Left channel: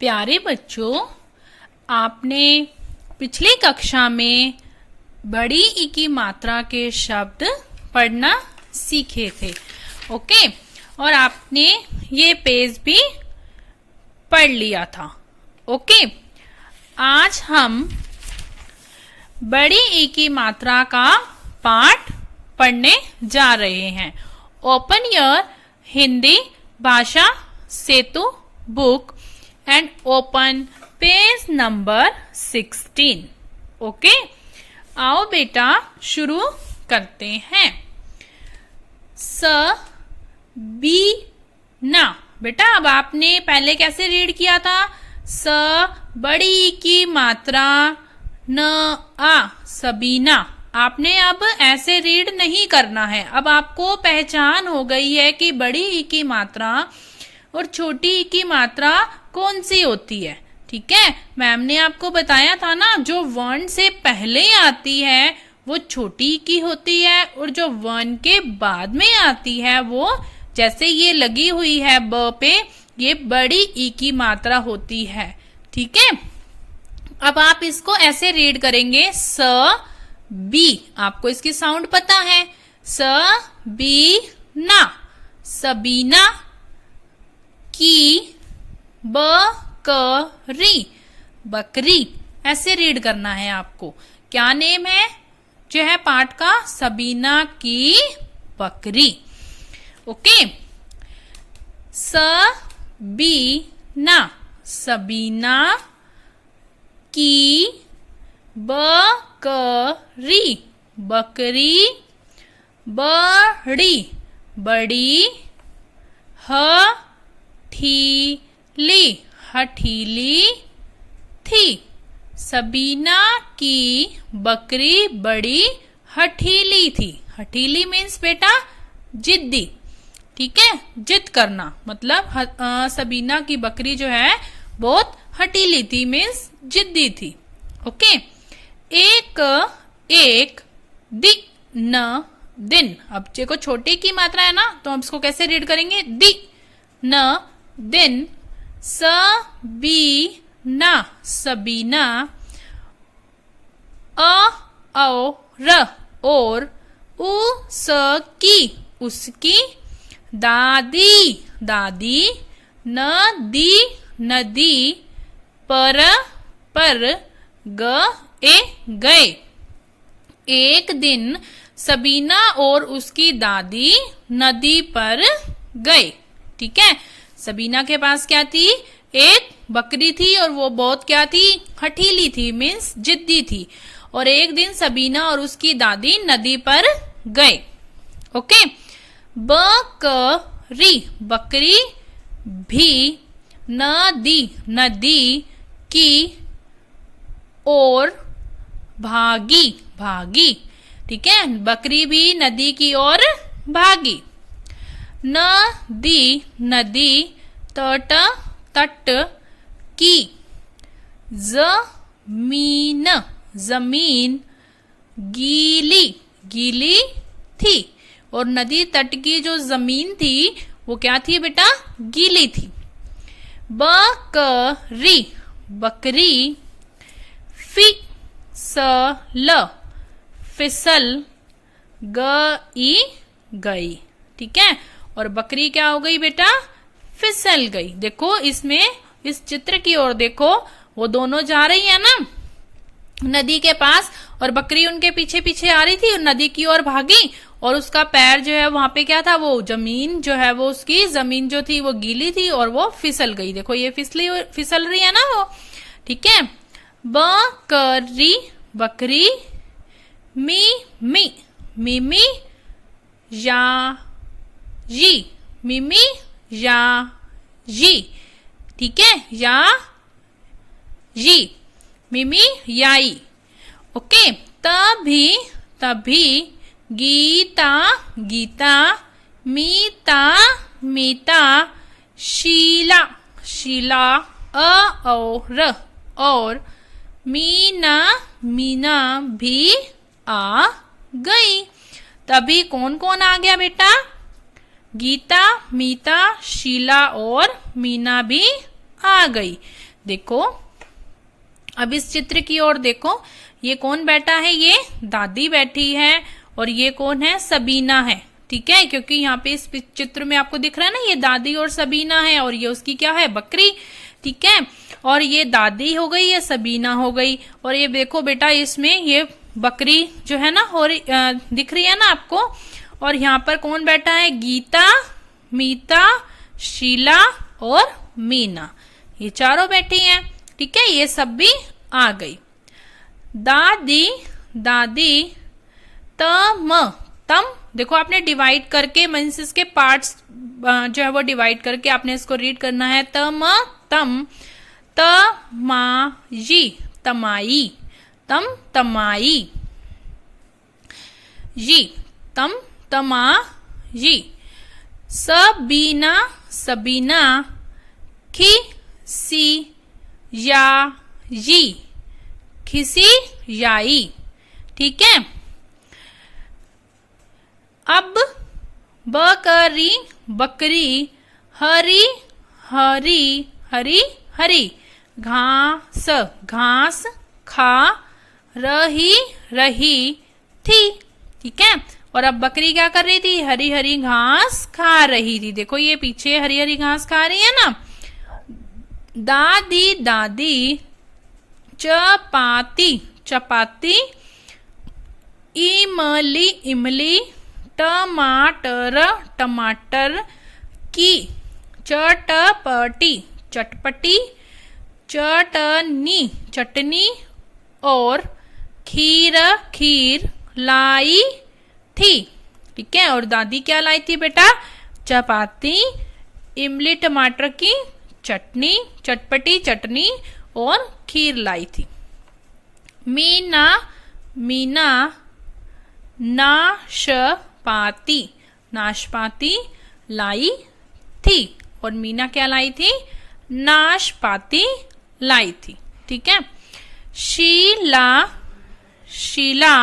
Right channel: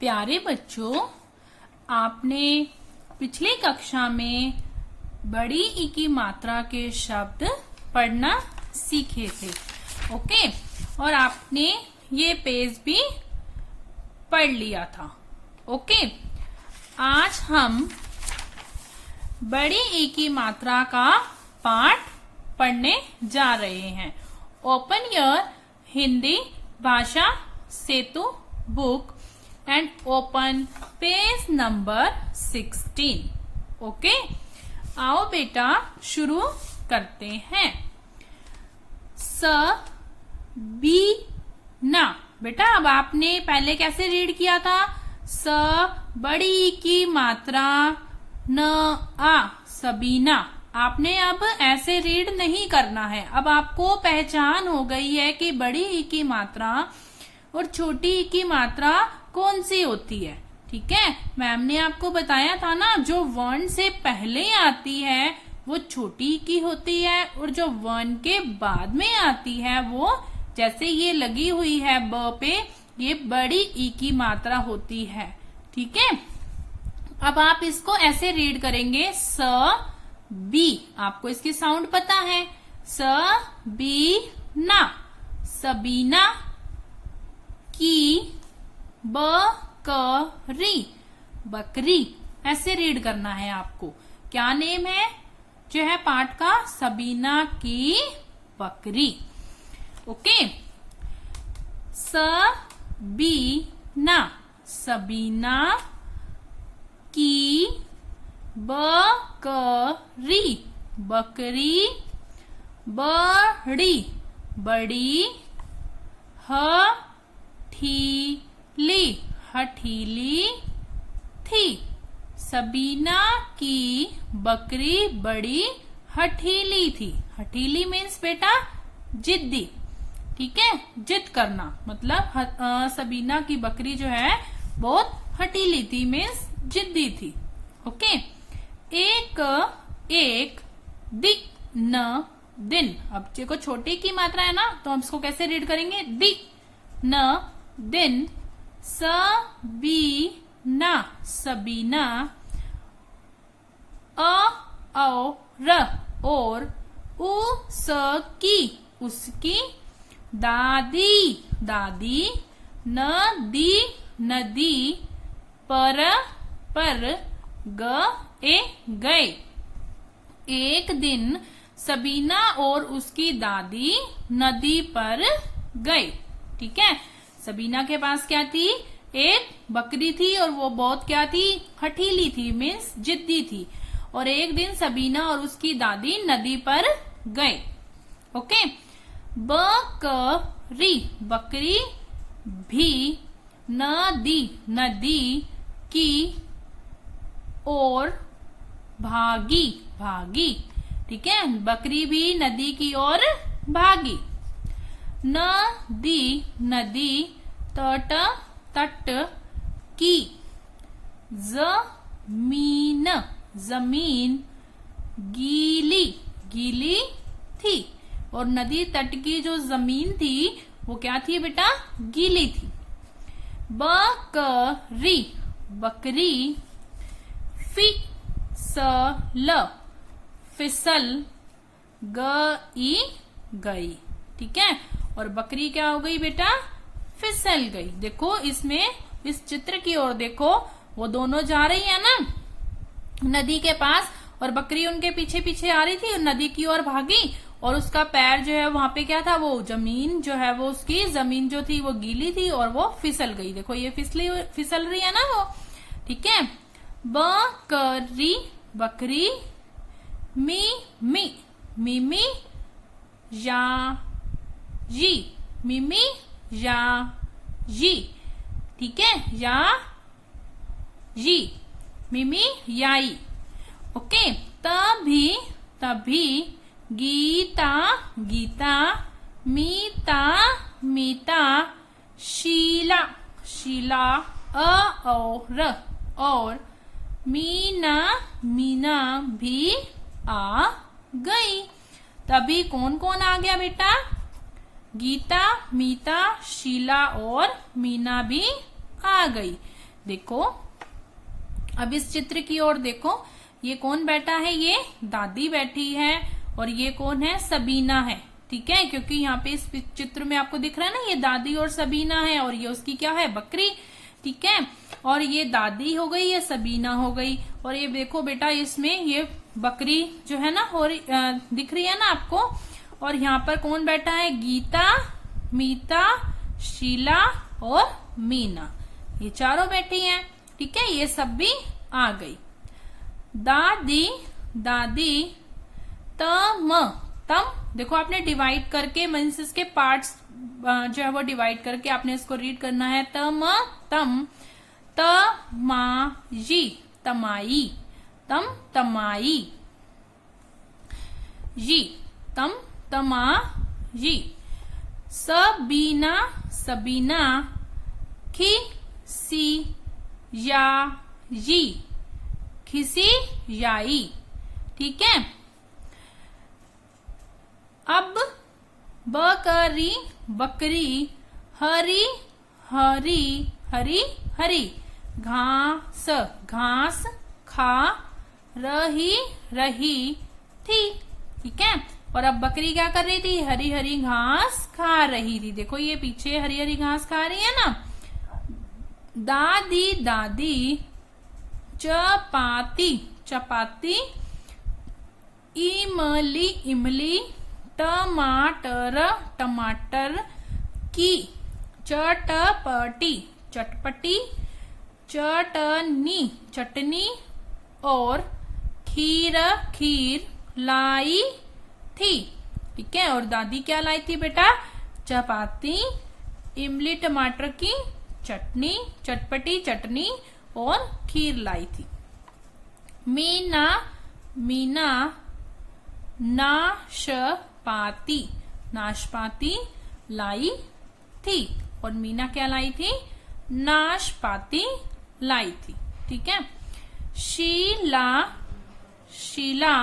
प्यारे बच्चों, आपने पिछली कक्षा में बड़ी ई की मात्रा के शब्द पढ़ना सीखे थे। ओके, और आपने ये पेज भी पढ़ लिया था। ओके, आज हम बड़ी ई की मात्रा का पाठ पढ़ने जा रहे हैं। Open your Hindi Bhasha Setu book and open page number 16। Okay, आओ बेटा शुरू करते हैं। स बी ना। बेटा अब आपने पहले कैसे रीड किया था? स बड़ी की मात्रा न आ, सबीना। आपने अब ऐसे रीड नहीं करना है। अब आपको पहचान हो गई है कि बड़ी ई की मात्रा और छोटी ई की मात्रा कौन सी होती है। ठीक है, मैम ने आपको बताया था ना, जो वर्ण से पहले आती है वो छोटी की होती है और जो वर्ण के बाद में आती है वो, जैसे ये लगी हुई है ब पे, ये बड़ी ई की मात्रा होती है। ठीक है, अब आप इसको ऐसे रीड करेंगे स बी। आपको इसकी साउंड पता है, स बी ना, सबीना की बकरी, बकरी ऐसे रीड करना है आपको। क्या नेम है जो है पाठ का? सबीना की बकरी। ओके, सबीना, सबीना की बकरी, बकरी बड़ी, बड़ी हठीली, हठीली थी। सबीना की बकरी बड़ी हठीली थी। हठीली मीन्स बेटा जिद्दी। ठीक है, जिद करना, मतलब सबीना की बकरी जो है बहुत हठीली थी, मीन्स जिद्दी थी। ओके, एक एक दिन, दिन। अब देखो छोटे की मात्रा है ना, तो हम इसको कैसे रीड करेंगे? दि न दिन, सबीना, सबीना, और उसकी, उसकी दादी, दादी, नदी, नदी, पर गए। एक दिन सबीना और उसकी दादी नदी पर गए। ठीक है, सबीना के पास क्या थी? एक बकरी थी और वो बहुत क्या थी? हठीली थी, मीन्स जिद्दी थी। और एक दिन सबीना और उसकी दादी नदी पर गए। ओके, बकरी, बकरी भी नदी, नदी की ओर भागी, भागी। ठीक है, बकरी भी नदी की ओर भागी। नदी, नदी, तट, तट की, जमीन, जमीन गीली, गीली थी। और नदी तट की जो जमीन थी वो क्या थी बेटा? गीली थी। बकरी, बकरी फिसल, फिसल गई, गई। ठीक है, और बकरी क्या हो गई बेटा? फिसल गई। देखो इसमें, इस चित्र की ओर देखो, वो दोनों जा रही है ना नदी के पास, और बकरी उनके पीछे पीछे आ रही थी और नदी की ओर भागी। और उसका पैर जो है वहां पे क्या था? वो जमीन जो है, वो उसकी जमीन जो थी वो गीली थी और वो फिसल गई। देखो ये फिसल रही है ना वो। ठीक है, बकरी, बकरी मी मी, मिमी या जी, मिमी या जी। ठीक है, या जी, मिमी याई। ओके, तभी, तभी गीता, गीता, मीता, मीता, शीला, शीला, और मीना, मीना भी आ गई। तभी कौन कौन आ गया बेटा? गीता, मीता, शीला और मीना भी आ गई। देखो अब इस चित्र की ओर देखो, ये कौन बैठा है? ये दादी बैठी है और ये कौन है? सबीना है। ठीक है, क्योंकि यहाँ पे इस चित्र में आपको दिख रहा है ना, ये दादी और सबीना है और ये उसकी क्या है? बकरी। ठीक है, और ये दादी हो गई, ये सबीना हो गई, और ये देखो बेटा इसमें ये बकरी जो है ना और दिख रही है ना आपको। और यहाँ पर कौन बैठा है? गीता, मीता, शीला और मीना, ये चारों बैठी हैं। ठीक है, ये सब भी आ गई। दादी, दादी, तम, तम, देखो आपने डिवाइड करके मीन्स इसके पार्ट्स जो है वो डिवाइड करके आपने इसको रीड करना है। तम, तम, तमाई, तमाई, तम, तमाई, जी, तम, तमाई, सबीना, सबीना, खी, सी, या, जी, खिसी याई। ठीक है, अब बकरी, बकरी, हरी, हरी, हरी, हरी, घास, घास, खा रही, रही थी। ठीक है, और अब बकरी क्या कर रही थी? हरी हरी घास खा रही थी। देखो ये पीछे हरी हरी घास खा रही है ना। दादी, दादी, चपाती, चपाती, इमली, इमली, टमाटर, टमाटर, की, चटपटी, चटपटी, चटनी, चटनी, और खीर, खीर लाई थी। ठीक है, और दादी क्या लाई थी बेटा? चपाती, इमली टमाटर की चटनी, चटपटी चटनी और खीर लाई थी। मीना, मीना, नाशपाती, नाशपाती लाई थी, और मीना क्या लाई थी? नाशपाती लाई थी। ठीक है, शीला, शीला,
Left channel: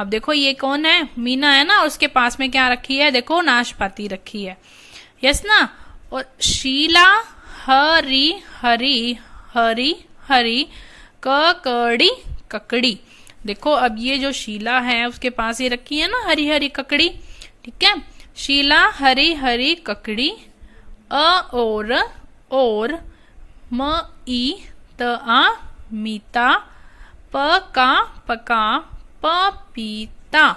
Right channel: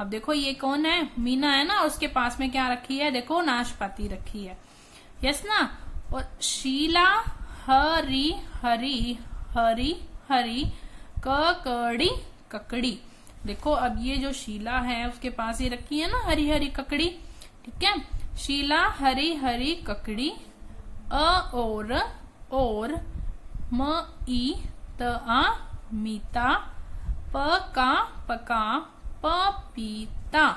अब देखो ये कौन है? मीना है ना, और उसके पास में क्या रखी है? देखो नाशपाती रखी है। यस ना, और शीला, हरी हरी, हरी हरी, ककड़ी, ककड़ी। देखो अब ये जो शीला है उसके पास ये रखी है ना हरी हरी ककड़ी। ठीक है, शीला हरी हरी ककड़ी, और म ई त आ मीता, पका पका पपीता,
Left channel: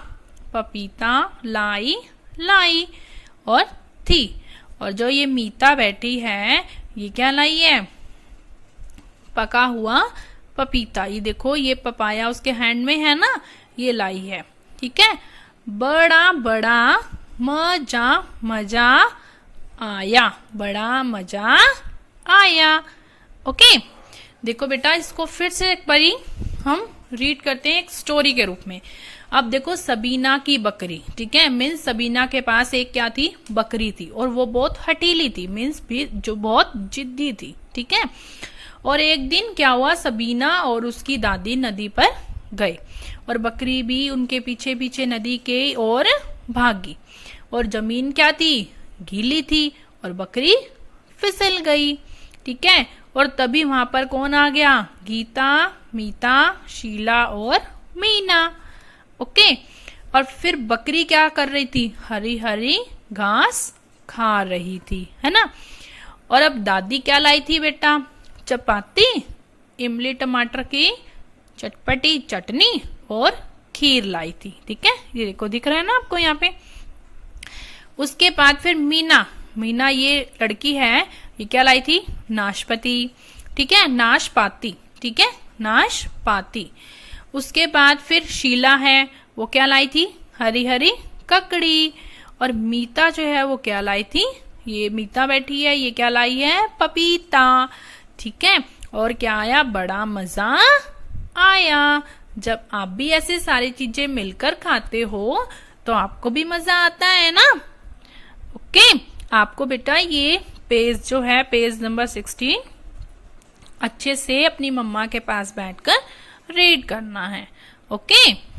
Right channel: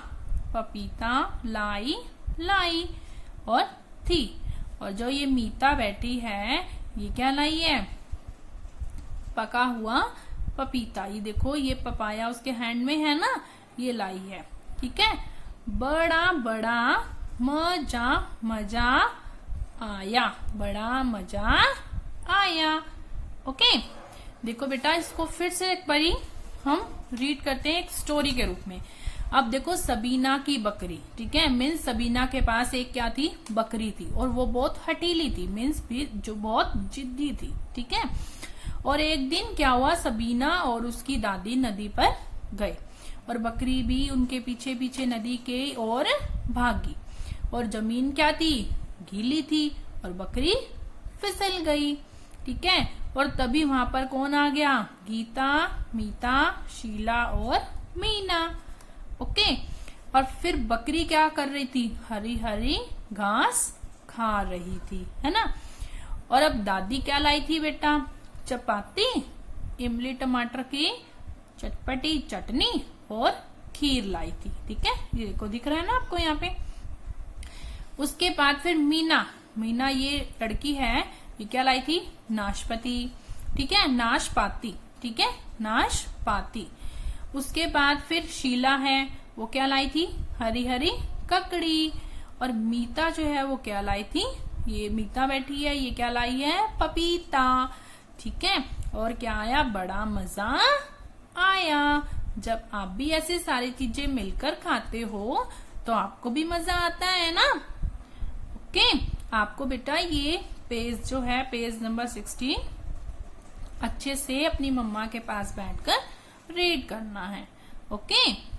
पपीता लाई लाई और थी। और जो ये मीता बैठी है ये क्या लाई है? पका हुआ पपीता। ये देखो ये पपाया उसके हैंड में है ना, ये लाई है। ठीक है, बड़ा बड़ा मजा मजा आया, बड़ा मजा आया। ओके, देखो बेटा इसको फिर से एक बारी हम रीड करते हैं एक स्टोरी के रूप में। अब देखो सबीना की बकरी। ठीक है, मीन्स सबीना के पास एक क्या थी? बकरी थी, और वो बहुत हटीली थी, मीन्स भी जो बहुत जिद्दी थी। ठीक है, और एक दिन क्या हुआ? सबीना और उसकी दादी नदी पर गए और बकरी भी उनके पीछे पीछे नदी के ओर भागी, और जमीन क्या थी? गीली थी, और बकरी फिसल गई। ठीक है, और तभी वहां पर कौन आ गया? गीता, मीता, शीला और मीना। ओके, और फिर बकरी क्या कर रही थी? हरी हरी घास खा रही थी, है ना। और अब दादी क्या लाई थी बेटा? चपाती, इमली टमाटर की चटपटी चटनी और खीर लाई थी। ठीक है, ये देखो दिख रहा है ना आपको यहाँ पे। उसके बाद फिर मीना, मीना ये लड़की है, ये क्या लाई थी? नाशपाती। ठीक है, नाशपाती। ठीक है, नाशपाती। उसके बाद फिर शीला है, वो क्या लाई थी? हरी हरी ककड़ी। और मीता जो है वो क्या लाई थी? ये मीता बैठी है, ये क्या लाई है? पपीता। ठीक है, और क्या आया? बड़ा मजा आया। जब आप भी ऐसे सारी चीजें मिलकर खाते हो तो आपको भी मजा आता है ना। ओके, आपको बेटा ये पेज जो है, पेज नंबर 16 अच्छे से अपनी मम्मा के पास बैठकर रीड करना है। ओके।